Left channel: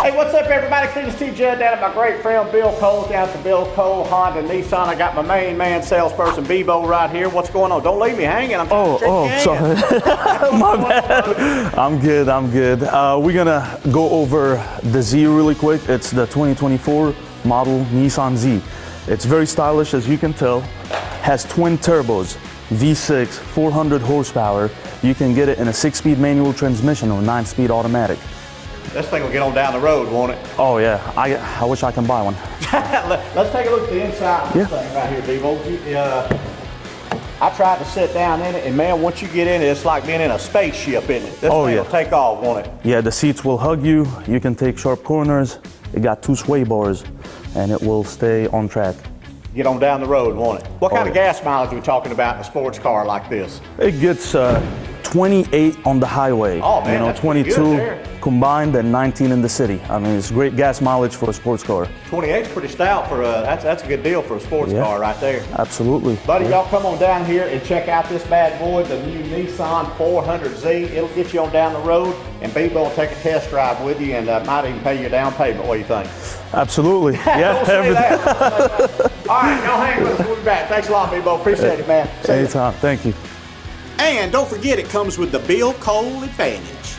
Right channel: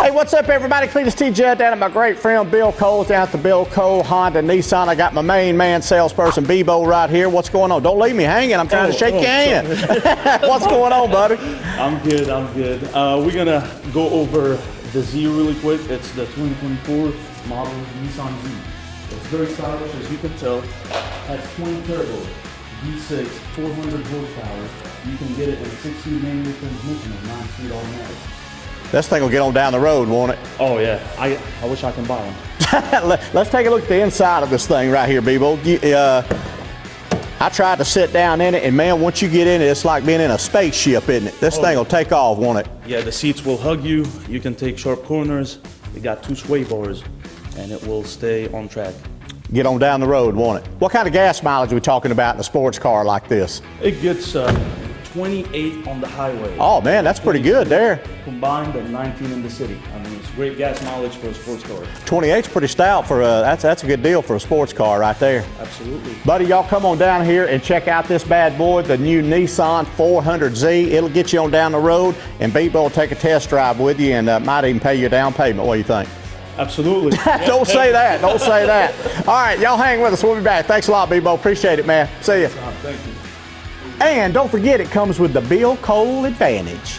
Hey, what's up, everybody? Cletus T. Judd down at my great friend Bill Cole down at the Bill Cole Honda Nissan. I got my main man salesperson Bebo right here. What's going on? Don't leave me hanging. I'm trying to shake your hand. What's going on, buddy? I'm good. We're gonna go over the Z really quick. It's the 2024 model Nissan Z. It's very stylish, as you can tell. Has twin turbos, V6, 400 horsepower. You can get it in a 6-speed manual transmission or 9-speed automatic. This thing will get on down the road, won't it? Oh yeah, I wish I can buy one. Let's take a look at the inside of this thing right here, Bebo. I tried to sit down in it, and man, once you get in it, it's like being in a spaceship, isn't it? This thing will take off, won't it? Yeah, the seats will hug you. You can take sharp corners. It got 2 sway bars, and it will stay on track. Get on down the road, won't it? What kind of gas mileage are we talking about in a sports car like this? It gets 28 on the highway. Oh man, that's pretty good there. Combined and 19 in the city. I mean, it's great gas mileage for a sports car. 28's pretty stout for that's a good deal for a sports car right there. Absolutely. Buddy, y'all come on down here and check out this bad boy, the new Nissan 400Z. It'll get you on down the road, and Bebo will take a test drive with you and might even pay your down payment. What do you think? Absolutely. Don't say that. Don't say that. All right, y'all hang with us. We'll be back. Thanks a lot, Bebo. Appreciate it, man. See you. Thank you. And don't forget, it comes with the Bill Cole Advantage.